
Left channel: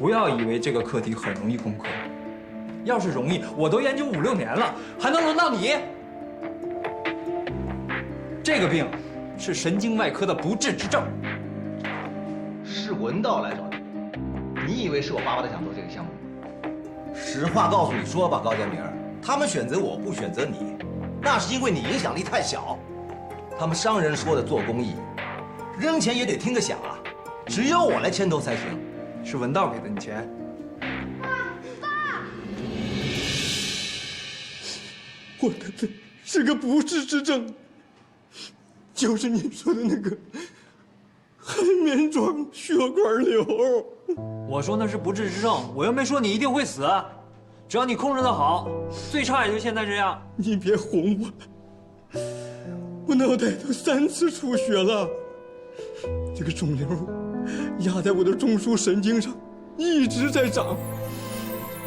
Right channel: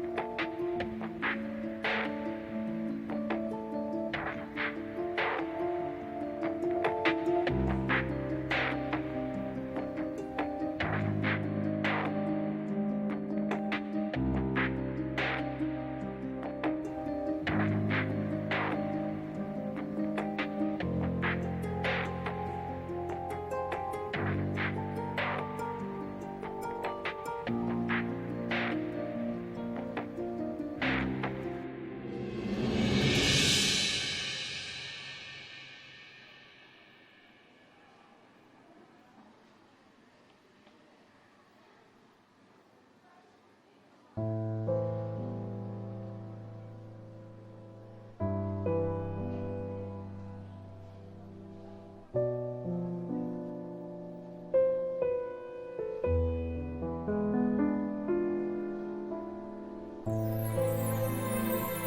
不要以为这个课题很容易攻克，要是容易，我都研究5、6年了，还能轮到你？这个病是神经外科的不治之症。是文道来找你，你以为是我巴不得想做这个项目？实话告诉你说吧，高建明，他们选择我不选择你，那是因为你影响力太小。他们商人说的做公益，扔钱也得听个响啊，只有我来牵头才行。是文道给的你钱。我的病是个不治之症。就是你说的那个海绵状血管瘤。我说那是不治之症，我又没说你一定会死，只要你控制得好，最差也就现在这样。你别哄我，我脑袋都3次出血了。这个肿瘤压在我的中枢神经上，一直在长。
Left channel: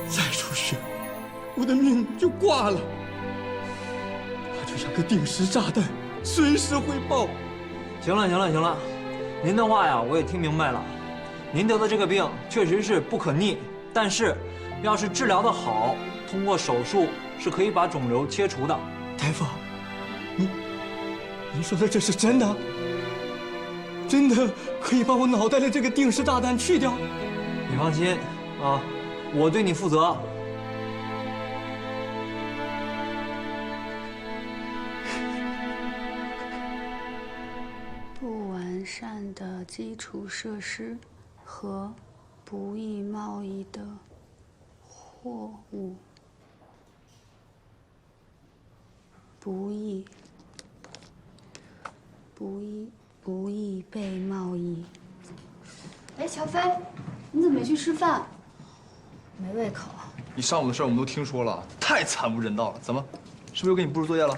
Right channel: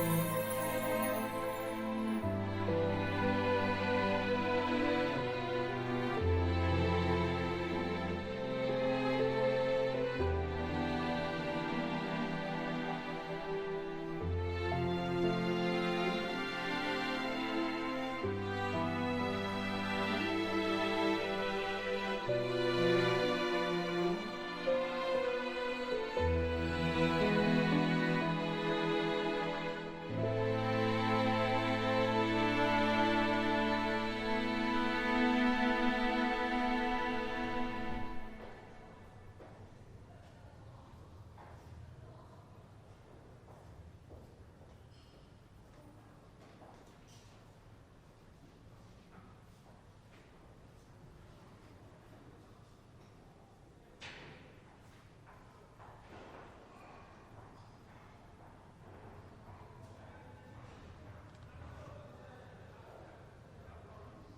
再出血，我的命就挂了。它就像个定时炸弹，随时会爆。行了，您的话呀，我也听明白了。您得的这个病确实是不可逆，但是要是治疗的好，通过手术是可以把肿瘤切除的。大夫，您说的这是真的？真的可以把我脑袋的这个定时炸弹去掉？你放心啊，我对你负责。不完善的基础设施和不易贸易的货物，不易被贸易。哎，乔飞，你怎么没去吃饭？没胃口。你上午的事我们都听说了，太惨无人道了。怎么，是不是又给你布置作业了？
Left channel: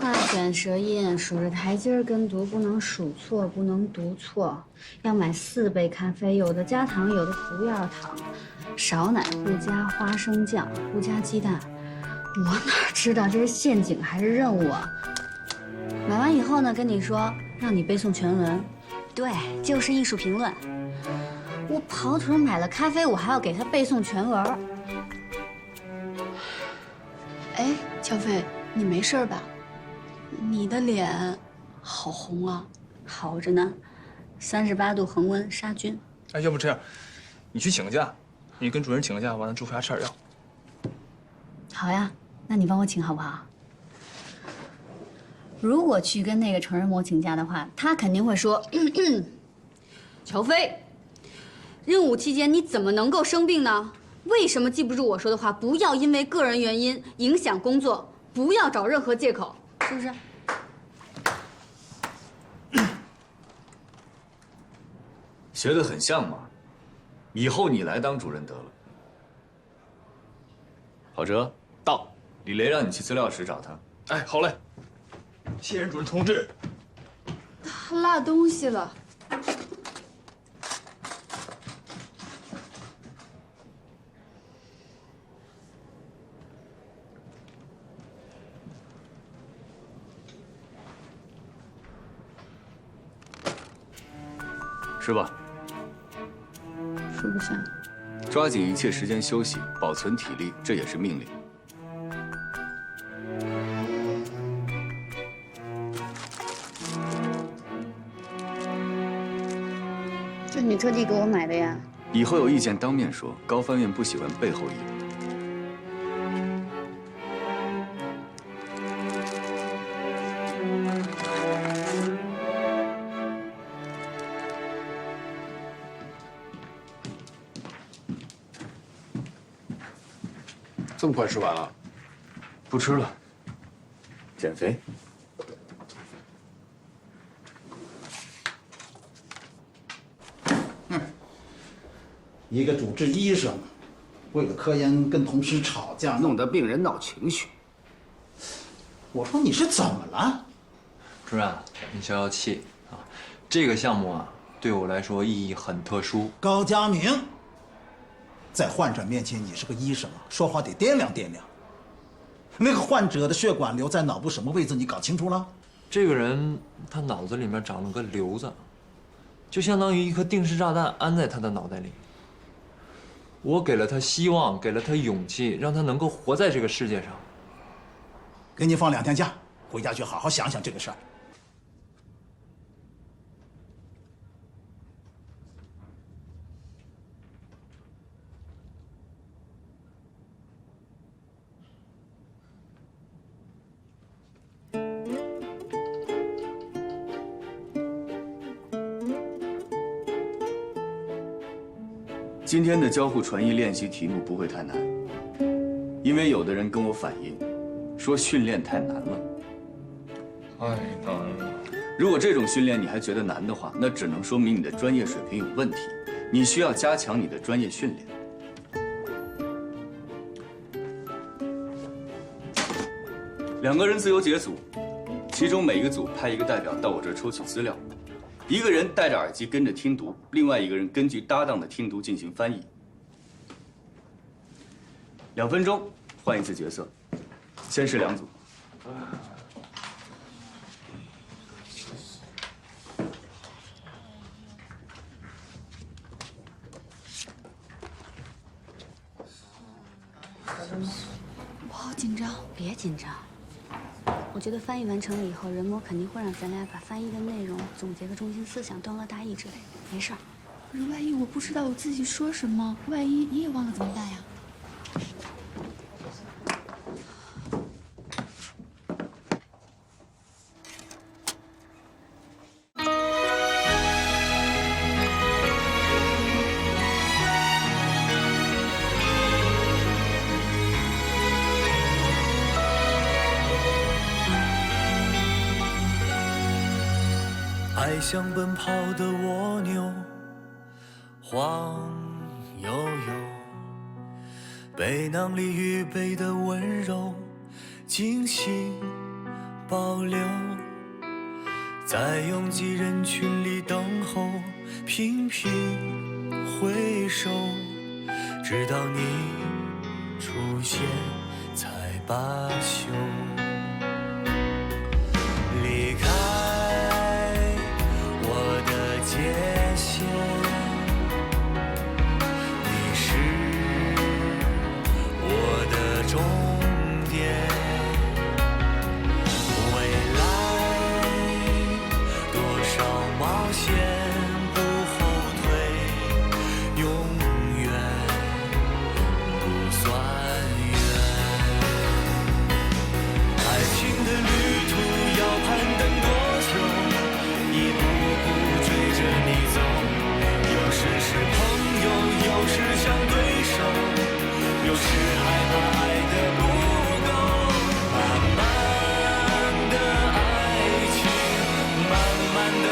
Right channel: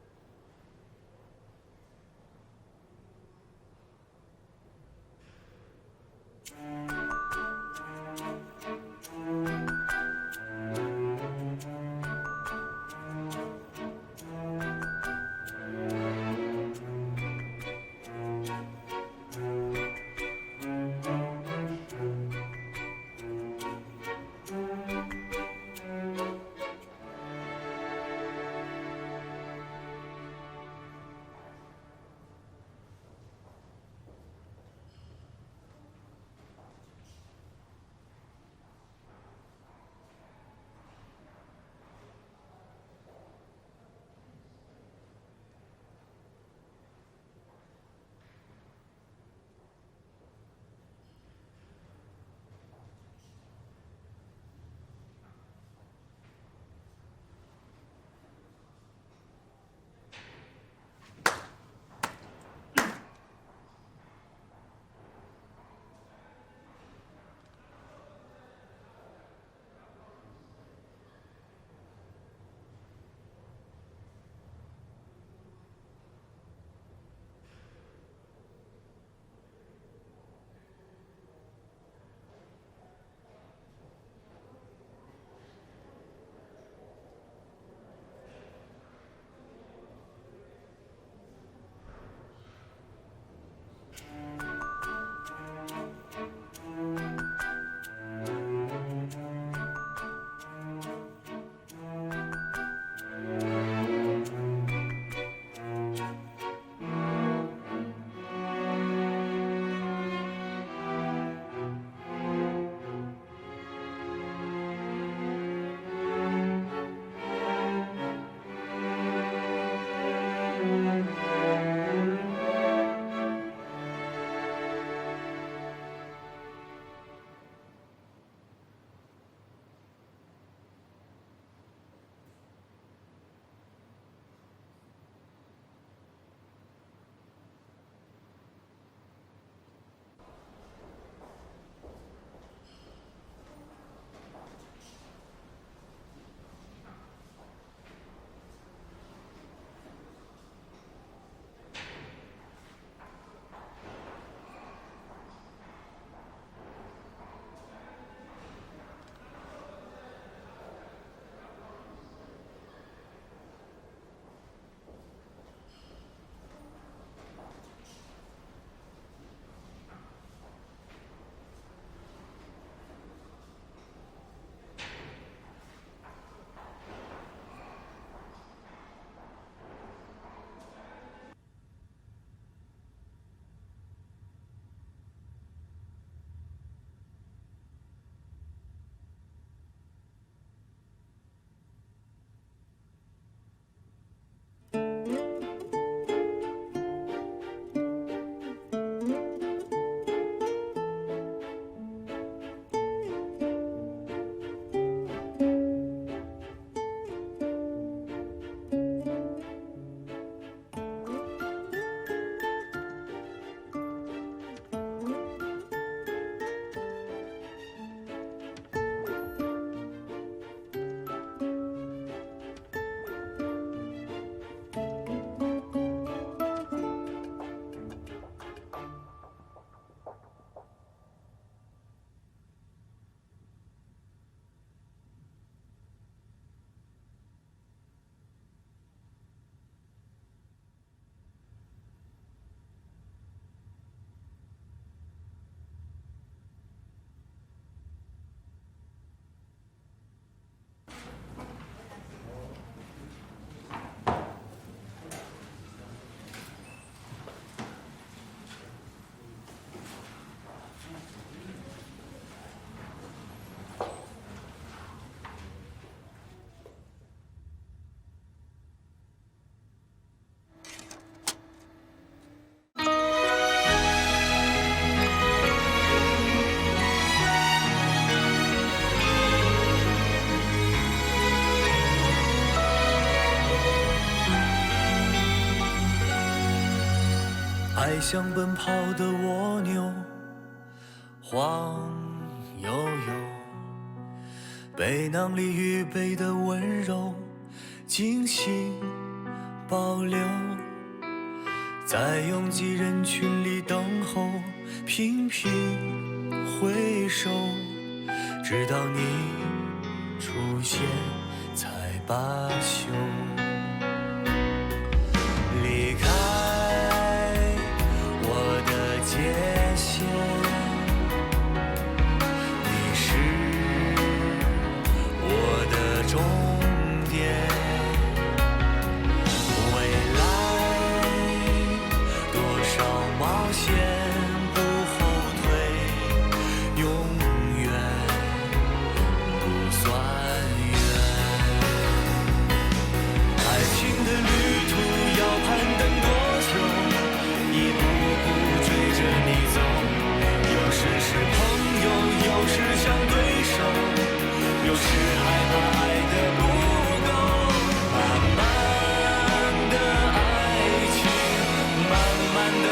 大卷舌音，数着台阶跟读，不能数错，不能读错。要买4杯咖啡，有的加糖，有的不要糖。少奶不加花生酱，不加鸡蛋。我哪知道这是陷阱还是任务啊？买完以后呢，跟你说让你背诵全文。对，就是艺术评论。我跑腿买了咖啡，我还要给他背诵全文。哎，乔飞，你没事吧？你的脸好红啊！好着呢，38度恒温杀菌。哎，要不这样，你去请个假，你跟主任请个假，完了祝福牙吃点药。好呀，那你帮我请好不好？如果去跟那个成人模请假的话，他肯定会说：“乔飞，任务期间你怎么能够生病呢？为什么记不住我说的话？不要因为个人原因影响工作，不要找任何借口，是不是？”学得很像嘛，以后你来当主任得了。郝哲，到，李雷让你去资料室找他。哎，好嘞。谢任主任同志。他落东西了。是吧？说不上。抓紧一切时间休息，保存体力，这也是命令。这你特地给我买的呀？以后有意见当面说，高翻院不喜欢背后议论。这么快吃完了？不吃了，减肥。一个主治医生，为了科研跟同事吵架，弄得病人闹情绪。我说你是怎么了？主任，你消消气啊！这个项目啊，对我来说意义很特殊。高佳明，在患者面前你是个医生，说话得掂量掂量。那个患者的血管瘤在脑部什么位置，你搞清楚了？这个人他脑子里面长了个瘤子，就相当于一颗定时炸弹安在他的脑袋里。我给了他希望，给了他勇气，让他能够活在这个世界上。给你放2天假，回家去好好想想这个事儿。今天的交互传译练习题目不会太难，因为有的人跟我反映，说训练太难了。太难了。如果这种训练你还觉得难的话，那只能说明你的专业水平有问题，你需要加强你的专业训练。2个人自由解组，其中每一个组派一个代表到我这儿抽取资料，一个人戴着耳机跟着听读，另外一个人根据搭档的听读进行翻译。2分钟换一次角色，先是2组。我好紧张。别紧张。我觉得翻译完成了以后，人魔肯定会让咱俩把翻译的内容、总结的中心思想、段落大意之类的。没事儿。万一我不知道我自己说什么，万一你也忘了怎么办呀？爱像奔跑的蜗牛，晃悠悠，背囊里预备的温柔，精心保留，在拥挤人群里等候，频频回首，直到你出现才罢休。离开界限，你是我的终点。未来多少冒险不后退，永远不算远。爱情的旅途要攀登多久？一步步追着你走，有时是朋友，有时像对手，有时害怕爱的不够。慢慢的爱情，慢慢的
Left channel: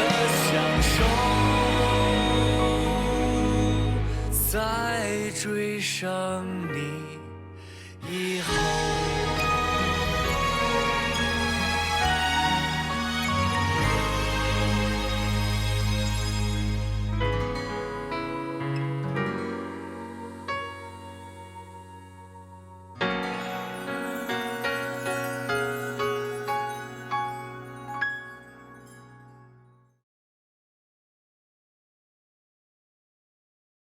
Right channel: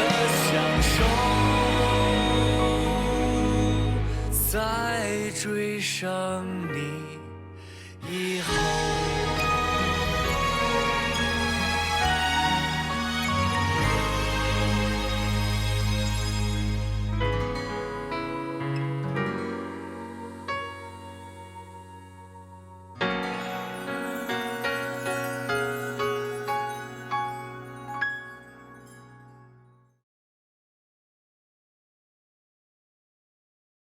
享受，在追上你以后。